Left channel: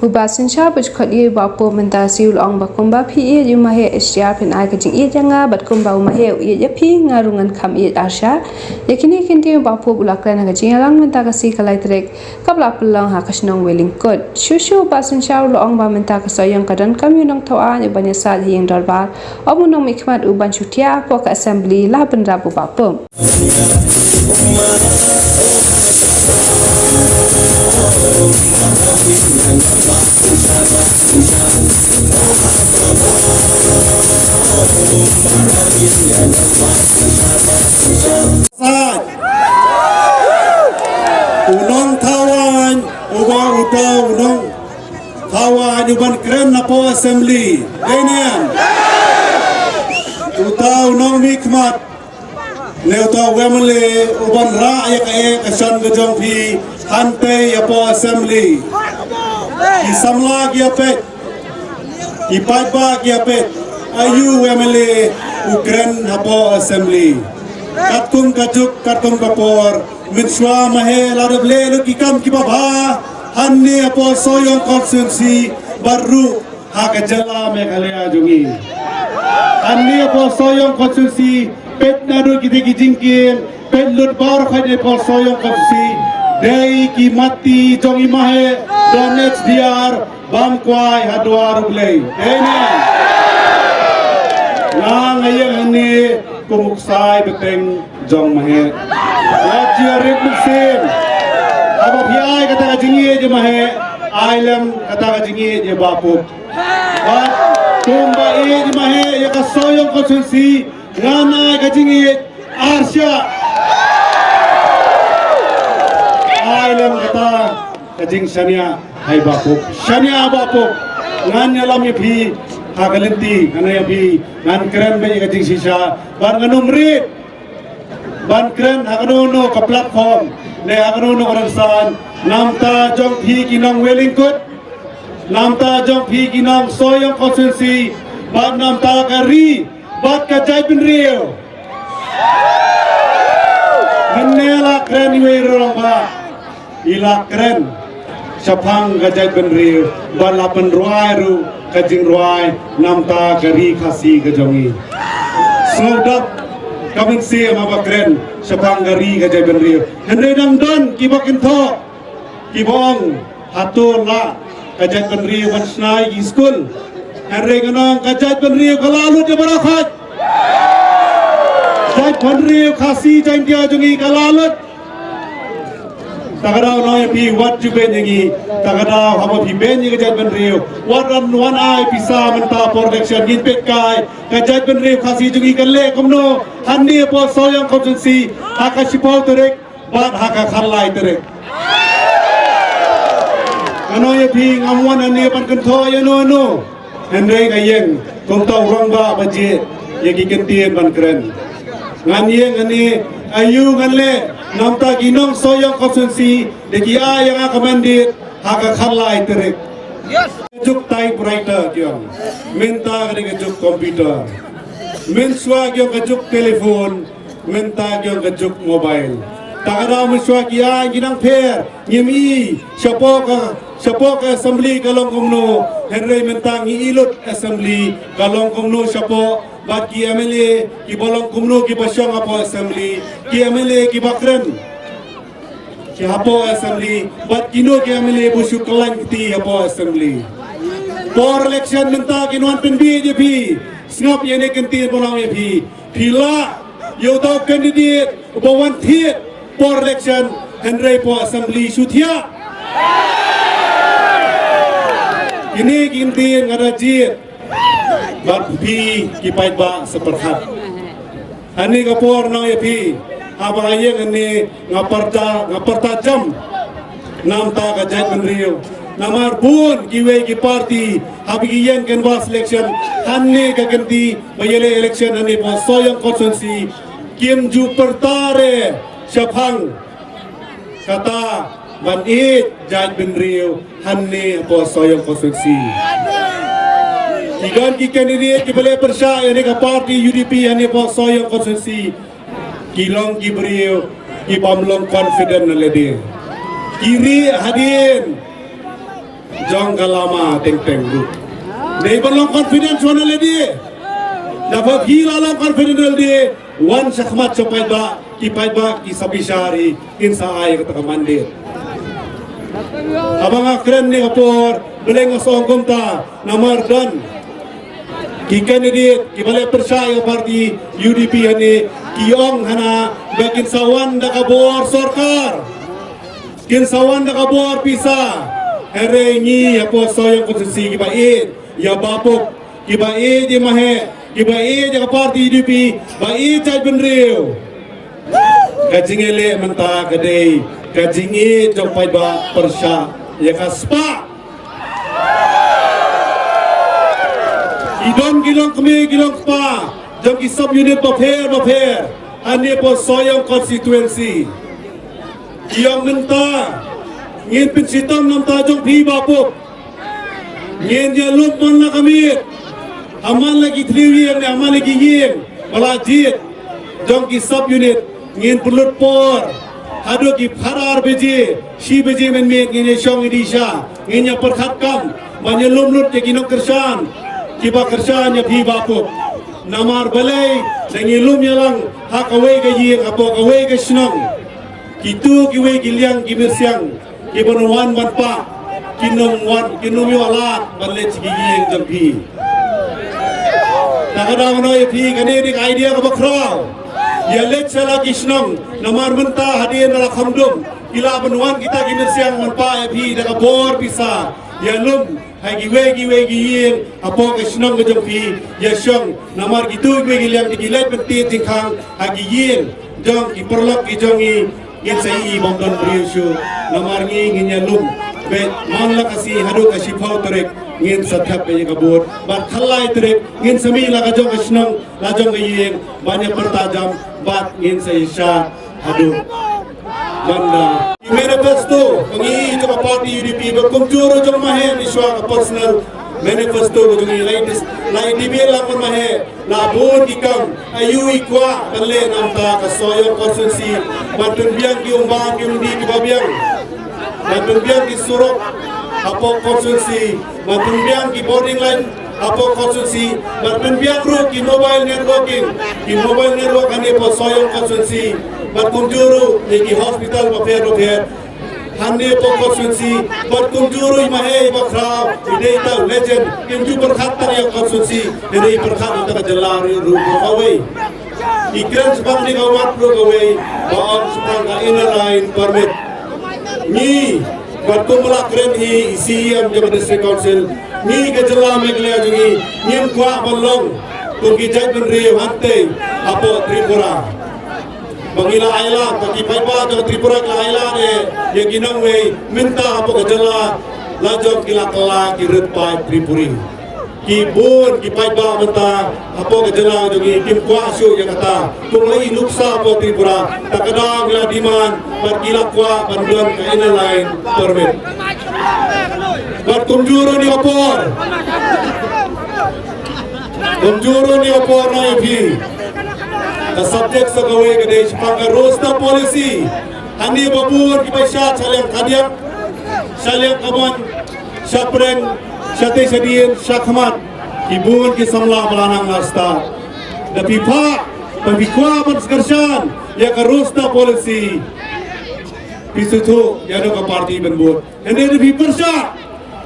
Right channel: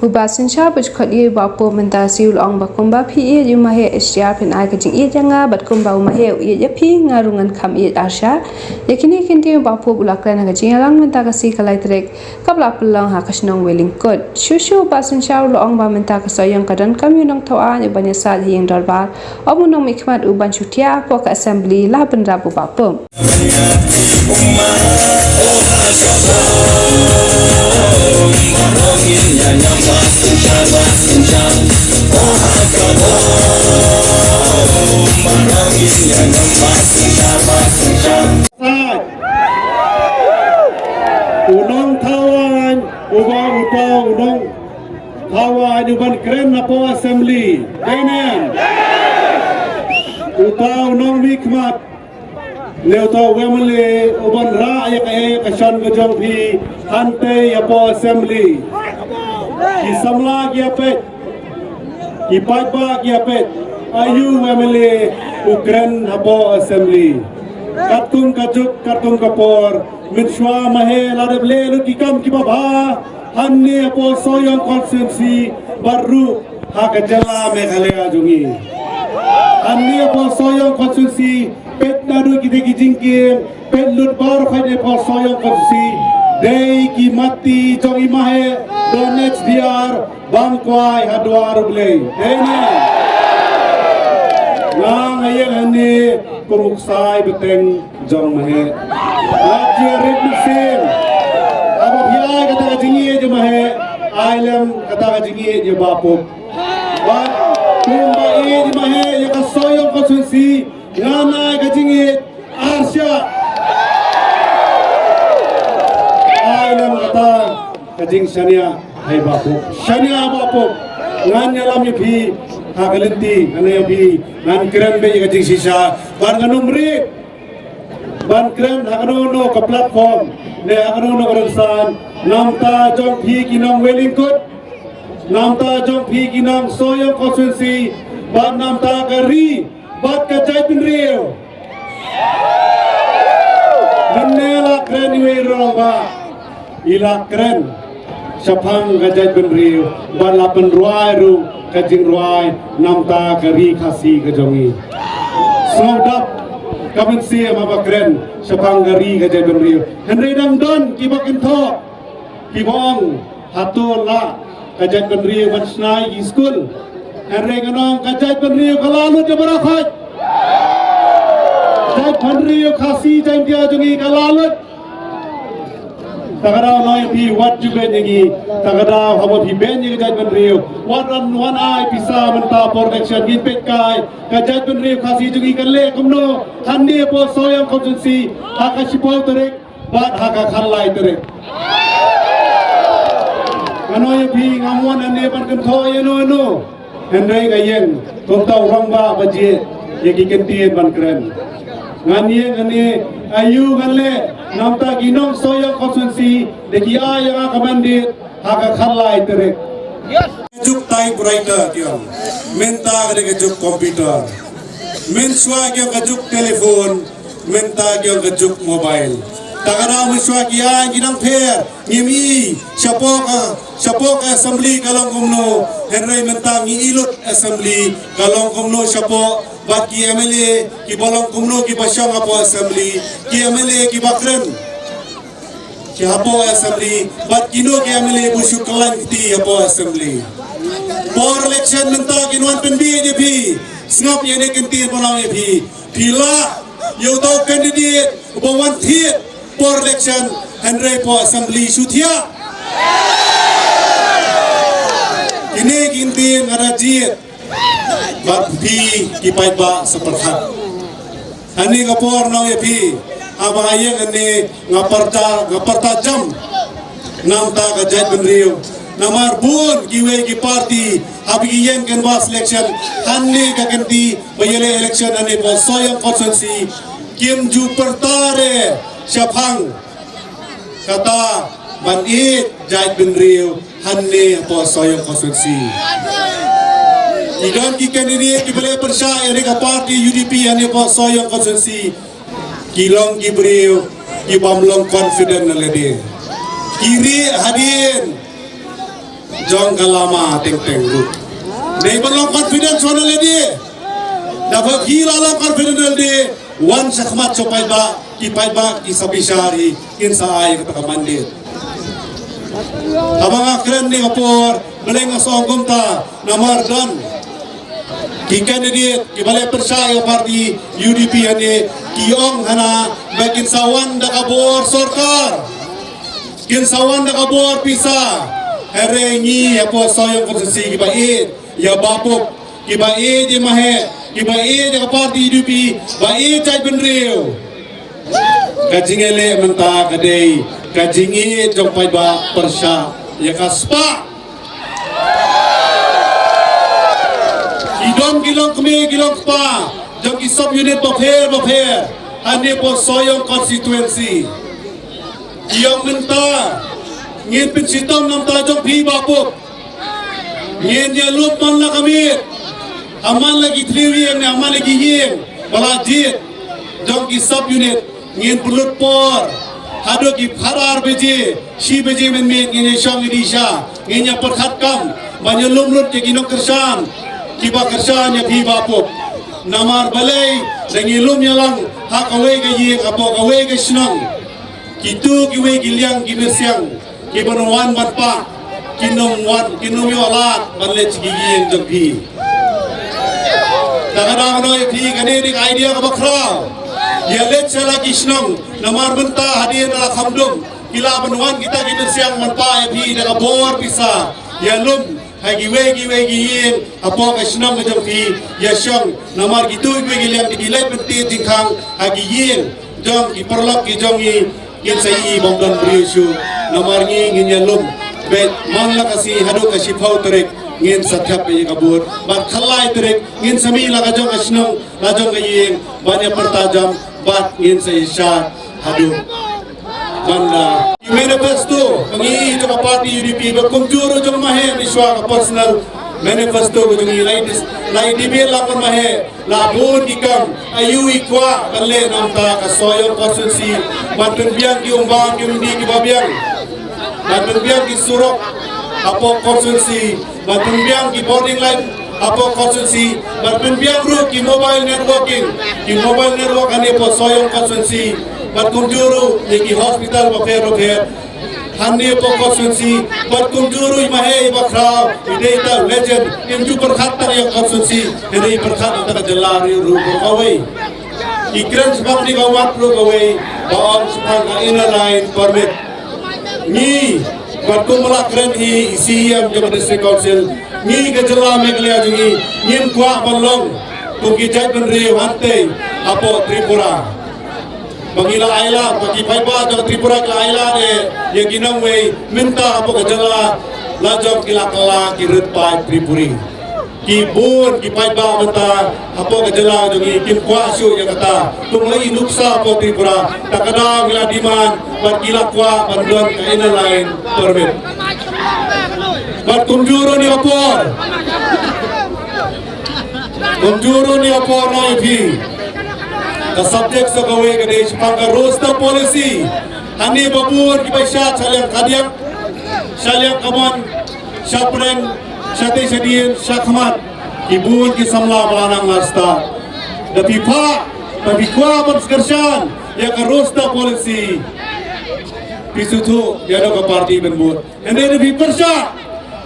Bubasin sha buj khodi bapo menta siul ong bakumba phi e ju mahe SR phin ai kajing e janga bat kumba mahe e je phi ngarungan kham e asha lekini kinti bapo bulakra na kajing alang menta ka si kalai trek kapla pulang ha kasnong weling kod shushu basin sha ul ong ba menta ka soyang kadan kamyunong thawa ne banya sa hing darbar omunong mikmat uban chutia po ka assembly la bandra bu bapo Unong tawan, unong tawan iban keren na po assembly. Danian. Unong mikmat. Neuta wemle uban ra ya kasan gajong fi hante ya po assembly. Isamla ya pet. Ipaiba ya pet. Ayu wemle ukren na po assembly. Katkum kajuk katkum kapor. Minshwa mahe larable lukikam kibaba hanni apo soyong constituency baru hakajala meghalaya jungi hanni apo soyong constituency pet naru kidiki jingkin pet lut bar khade apo soyong constituency dei ki mati jongi mahe donets diar bangkwai hadwar ulei dene lang ayang hanni kumuksai beteng jong mahe Wajib musim. Apa biaya kata kajingi je mahe, ailam kata kajingi je bapuk. Bat kumba je mahe ya kasoyong konsensi ngana kajingi arsya. Ailam kata kajing shania hai bapuk. Shania bapuk nganya lam yapi hagalenti ngana yapi ngan keren be kajing sisa ban nganumrik. Bankren akanuno ka platform ne akanuno karansan namta jong phi kinong Wellingkut namta jong phi kinong soyong constituency bat namta ka ri bat ka jai pin rio menela kren iwe rong ba ila kren sapang ka jai pin rio bat lapan ruai ru ka jing ruai namta ka ri khasi ka jongi sodap Kamen siya mabakren sa panggari kajay benriyo. Henry Damdon kibakin to kibong hatol la kajay benriyo bansnay school. Henry ganong kajay benriyo kalalot ya barakat. Kajay benriyo kasi jay dia jungi kalalot. Takadaw no yapi wat juben yangi takadaw habo pi ben yangi kajay benriyo. Waran one eye pisa menta protection ginpet kai kajay benriyo kasi jungi kanle kumno hanni po soyang konsensi haka sipau terek bat haka khalai terek ano ye phi ngamwan anne pan kan tho ye no henry kayeng komtau rongba baje ye ki kentien ban kren ngan ye ngani ayu nganle namta ginong soyang konsensi deki a yang akamandit haka khalai terek juk typewriter kyong menta ke juk komputer Menswa kyo kajuk telepon, menta kyo kajuk mobile. Takada menswa kya ginang pair, ngimi, shapo ka assembly kalong kumno, Henry menta ngi ilot assembly kalong kumno shapo, bat ki MLA ki bolong kumno ki basyong apo assembly, ki MLA ki bakren, ki apo assembly, bat kino ki MLA busu kalang kiti apo assembly. For election menta kinuan penbi je pi. Snap yang nak kentir pelang yang pila yang tahu kandidat bawan tiap for election Henry po assembly sutia ini kentir ngarajit bat pi kipait ba seperhat ani kapor nang yang apa ayang ani ngaparta jam namta kajait penriu namar pun kiwe ki party habigi yang canvas election hanne ka ganti bayele election ane po soyong constituency kim ju pertare syapang kata ban it jait bin riu hanne po soyong constituency igan ki candidate ki bele persya ane ka party UDP ane po soyong constituency kilong ki beriu ki bamlong confident na lede kiri hadin jong kalama teng ru nei balong confidence wana le di da ba gila long confidence di wan sakmat so pai ba ki sabisari kinsa ay ka mandir abang akren ni apor beleng asongkom ta namardan ki candidate ki balai persaya parti UDP ane ki ong hana bakin sawan da kabor sarkar kin sawan da kabor pisa here ni apo soyong konstitusi ki bait ya bapuk ki bait di mahe ki bait da parti UDP bait cai benriu kajingele menta kadai kajingi jong pai ba persya ya kaspa idon gilong kami gilong spa jong ki sub unit bapher ane po soyong constituency kiyong menta ngin pinsitong nam ta jong phi bapuk ngin ya lup man la kami aman lagi triwing aman lagi ying malajit jong ki sub unit ngin pulut por hado ki pharar beje shi beje men me ngin shong idisha ngin ya perkhat kam banyolum lut ke ginong kersan ki ba kersan ya phi bapuk namar balai dangilum yalang hak away ga ying apo away ga snong kitu ki we gilyang ki bersiang ki banuan batpa kinong wan kinong yo ala balle chi ying jong phi takadang no phi kane dik idea ka bakrao ya let sala kisnong namar menta hadin ala khamdum kila banuan kita ki bersiang manpa ya phi da bor bisa ya lum hai giwe giyin apo ka snong ka jong phi ya shong namar gitu giwe gilyang digilai penti tingkhang hai giyin jong ki perlok ki jongi ngin sai bongdon priushu namar ngin ya lum bet mangla kasi hadu kasi phau terek ngin sathap pe kabur ban khalai terek ngin sami la ka jong asnong la jong giyin banyak pertajam bat ngin sai sha hadu banda manifesto pangi jo parti UDP bakum juro jong mahe miswa ka personal manifesto ko jong lai dibe la kon mahe la bon ki kam ayu ikwa balle nam ta ka soyo konstitusi batun biang ki umbang ki undi ki babiang batun biang ki surok apo konstitusi batun biang ki boarding line apo konstitusi batun biang ru ki mobile network ane po soyo konstitusi batun juro ki hospital bapher hande po konstitusi batun juro mahe bakra data legend imju berkhatar yang konstitusi dari berkhat ta jalari ru ko away ikran sebab ni kawat ru away baon supang ka inner line permit ni batun melakren ni CM jong district council ni ke jala meglea jingi nim kwa balong ko ki jai ben re hante apo Tripura Bangila Aila, bagi paiba jauh Tripura ke Aila ne, yang ginang wei minta apa kejala lajong kila kirut pai Tripuri. Kibun ki paiba minta apa kejala jongi kim kuasu yang kata tunglai nuksa apa Tripura. Tak kadang gila diman bat kila kwa panduan ke ina lain permit. Bat kumjuru ni opor. Kumjuru ni opor no ipi. The subjects of away Ganesh Panga roster policy. Hani babur ki paisa salyam khadiam salyam kaman shapreng shate shadien shakmat ibun ki samla malanang asta. The pipikwa panskershan ya ka roster policy. Pisutu ya ka party benbur. And then the pipersha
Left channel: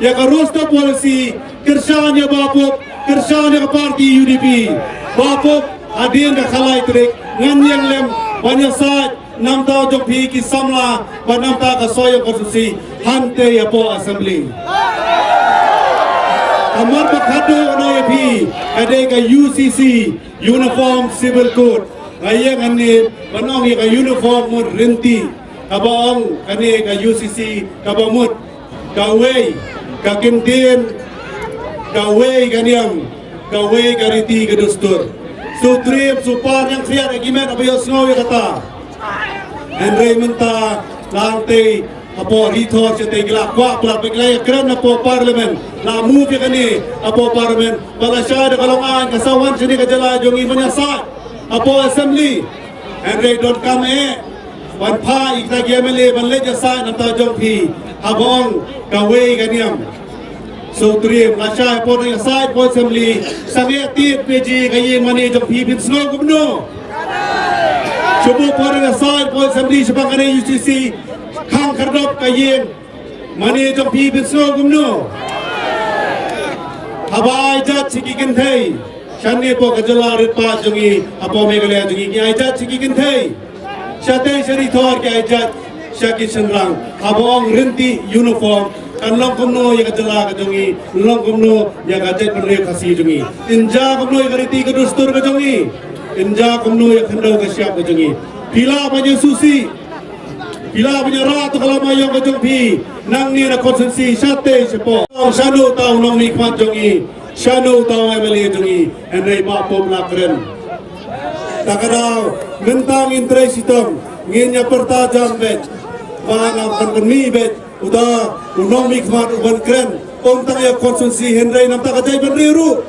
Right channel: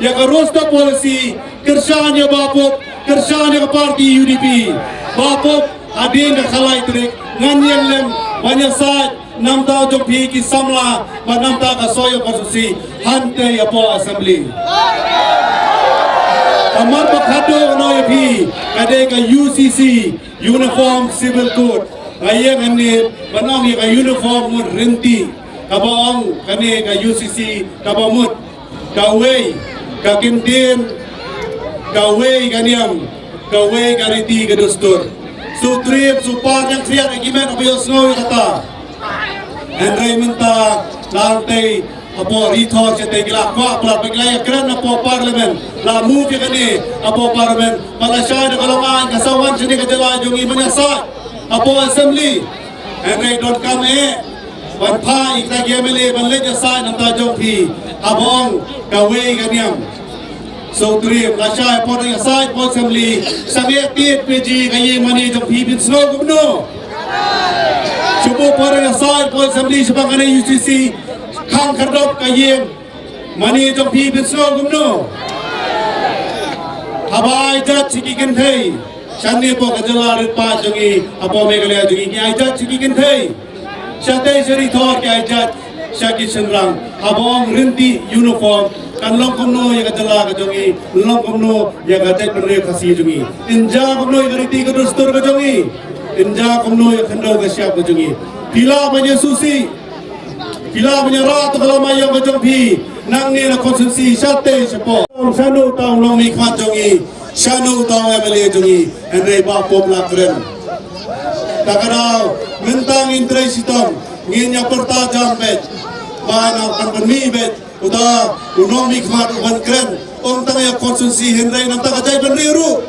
ya ka roster policy kershan ya bapuk kershan ya ka party UDP. Bapuk adin ka khalai trek nganyang lem banyak saat namta jong phi ki samla ba namta ka soyo konstitusi hante apo assembly amar bakhado no phi ade ka UCC uniform civil code ayang ani banong ka uniform mun renti kabaong kane ka UCC kabamut kawei ka kintin kawei kaniam kawei ka riti ka dustur sutrip supar yang kriat agimen abayos ngoy kata Andre minta lantai apo rito chete gila kwa pla peglay kran apo parliament la move ya kani apo parliament bala syad kalongan kasawan sini kajala jongi manyasat apo assembly Andre don't come wan pha ikta gemele ban le jasa nata jong phi abong kawe kaniam so turi lasha po ng side po assembly sange tit peji kaye mani jong pipin snow gumno subo po ng side po assembly sabang kanay UCC kang kardop kaye mani jong pipin snow gumno habai jat sikikin thei Shani po kajala ripa jungi apo megalaya jungi ki aijat sikikin thei Shate shari thor ki aijat shaki shenrang abong rinti uniform kanlong kumno ya kajala kajungi long kumno ya kajat penre khasi jungi inja kumno ya kariti kadustur kajungi inja kumno ya khando kasyap kajungi pila banya susi pila banya rat kalau mayo kajung pi nang ni na konsensi shate sepo shanu tau long mi khat jungi Shanu tahu MLA jungi, Henry Bapom lakren. Takaraw, mentang interest itong, nginya pertajam bet, bahan ang kanmi bet, udah unong mikmat uban kren, tang ya konsumsi Henry nam takajay benriru.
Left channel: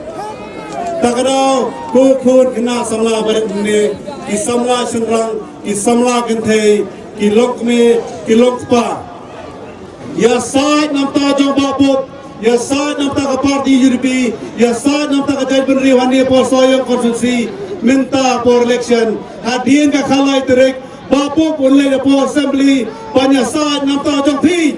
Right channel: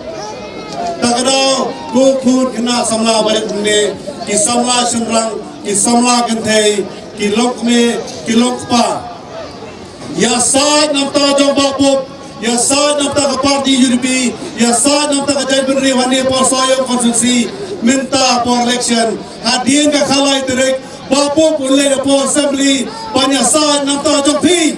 Takaraw, kukun kena samla balik ne, ki samla shenrang, ki samla gentay, ki lok me, ki lok pa. Ya side nam tajam Bapom. Ya saat nam tak parti UDP, ya saat nam tak jai benri wani por soyo konsensi minta por election hadien ka khalai terek bapo pun le po assembly banyak saat nam tak jong pi